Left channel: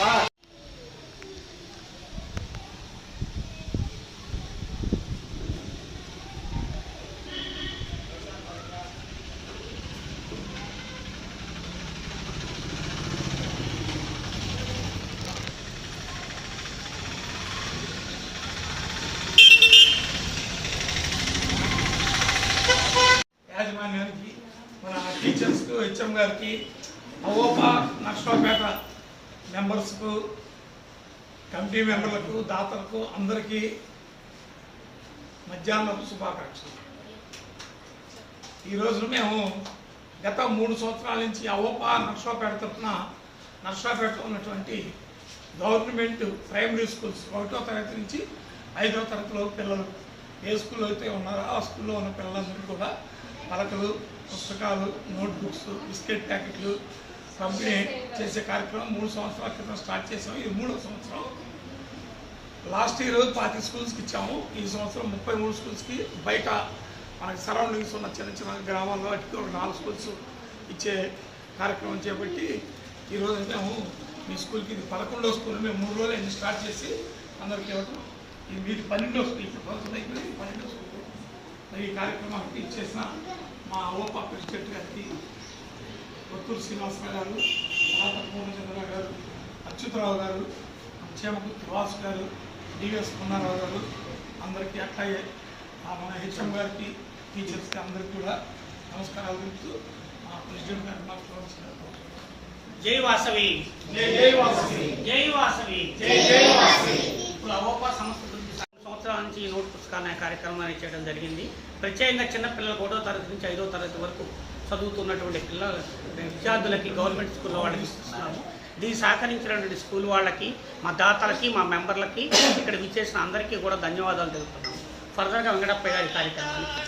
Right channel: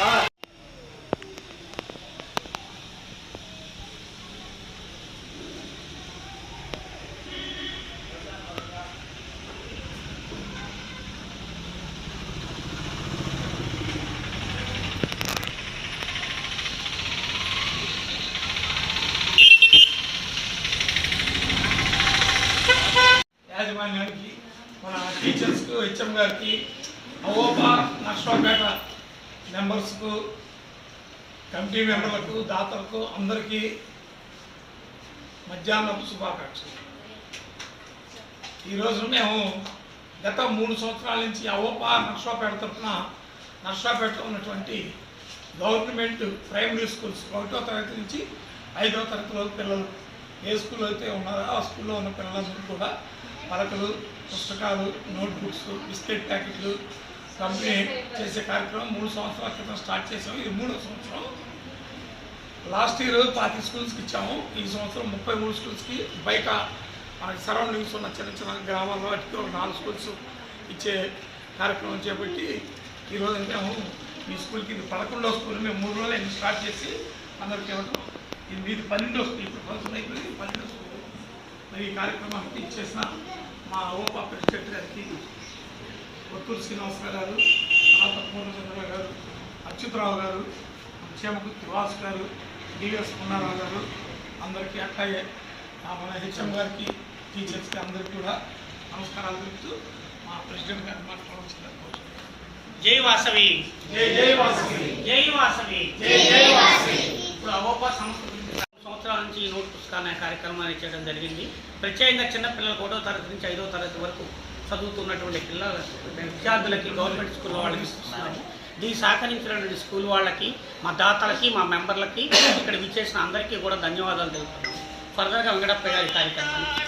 아. యాజమాన్యానికి మన టీచర్స్కు హెచ్ఎం గారికి అవోపా నష్టపేట మెంబర్స్కు కమిటీ మెంబర్లకు దాతలకు అందరికీ మధ్యాహ్నపు శుభాకాంక్షలు. ఈ రోజున మేము గత మూడు సంవత్సరాల నుంచి అవోపా నర్సాపేట తరఫున నర్సాపేటలో ఉన్నటువంటి గవర్నమెంట్ ప్రైమరీ స్కూల్స్ ఒకటో తరగతి నుంచి ఐదో తరగతిలో పిల్లలు ఏ స్కూల్లో అయితే ఉన్నారో ఆ స్కూల్లో ఉన్న పిల్లలందరూ కూడా పలకలు పుస్తకాలు నోట్బుక్స్ బిస్కెట్ ప్యాకెట్లు పంపిణీ చేసే కార్యక్రమం మూడు సంవత్సరాల క్రితం స్టార్ట్ చేసాం ఇది మూడో సంవత్సరం. లాస్ట్ ఇయర్ పాతి స్కూల్స్కి ఇచ్చాము. ఈ సంవత్సరం ముప్పై మూడు స్కూల్స్కి బయట మనకి సరౌండింగ్స్ ఉన్న చిన్న చిన్న గ్రామాల్లో వాటికి ఒక నాలుగు స్కూల్స్ ఇచ్చే కార్యక్రమం చేపట్టి ఈరోజు మేము మీ స్కూల్కి ఇది పదకొండో స్కూల్ మేము మూడు రోజులు స్టార్ట్ చేసి అందరికి ఇవ్వటం. ఇది మీది పన్నెండో స్కూల్ ఇప్పుడు పదకొండు అయిపోయింది పన్నెండో స్కూల్. మరి ఈ కార్యక్రమానికి ఇచ్చేసిన మా ఓపా ప్రెసిడెంట్ గారికి కొత్తూరు శ్రీనివాసరావు గారు తర్వాత పూర్ణచంద్ర గారు అచ్యుతరావు గారు చేమకుర్తి వాసు గారు డిఎస్ పున్నారావు గారు అందరికీ అట్లాగే ఆ మన హెచ్ఎం గారికి టీచర్స్కి అందరికీ కూడా నమస్కారాలు తెలుపుతూ మా ప్రెసిడెంట్ గారు మాట్లాడుతున్నారు జై వాసవి. జై జై వాసు జై వాసవి. జై జై వాసు ఇప్పుడు అవోపా సంస్థ సంవత్సరాల నుంచి ఈ నోట్ పుస్తకాన్ని కార్యక్రమాన్ని చేయడం జరిగింది. ప్రత్యేకంగా చిన్నపిల్లలకు ఒకటో తరగతి నుంచి ఐదో తరగతి వరకు చదువుతున్నటువంటి పిల్లల విద్యార్థులకి గవర్నమెంట్ స్కూల్లో వాళ్ళకి ఇస్తున్నాము. దీన్ని సహకరించినటువంటి స్కూల్ వాళ్ళకి మా దాతలకి మా మెంబర్లకి ఇక్కడ విచ్చేసిన అందరికీ కూడా ధన్యవాదాలు తెలుపుతున్నాం ఫర్దర్గా వెంకటప్ప గారి కార్యక్రమానికి.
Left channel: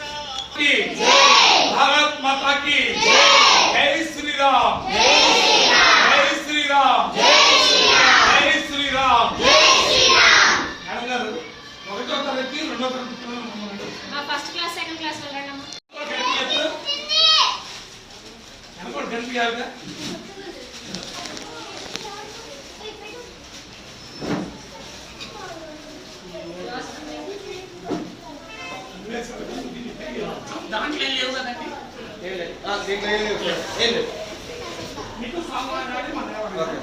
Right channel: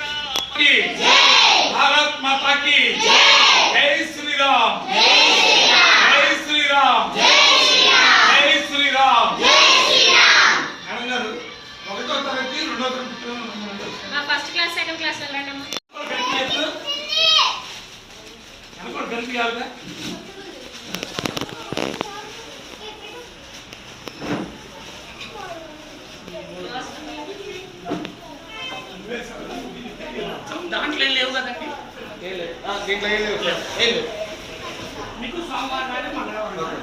భారత్ మాతాకి జై Shriram. First class second class వెళ్ళండి అమ్మ. కలిపి అనుకోండి కలిపియాలిగా దాంట్లో ఏం లేవు కదండి దీంట్లో ఏం లేవు సార్ ఏం లేవు మీకు సోమవారం నాడు మంగళవారం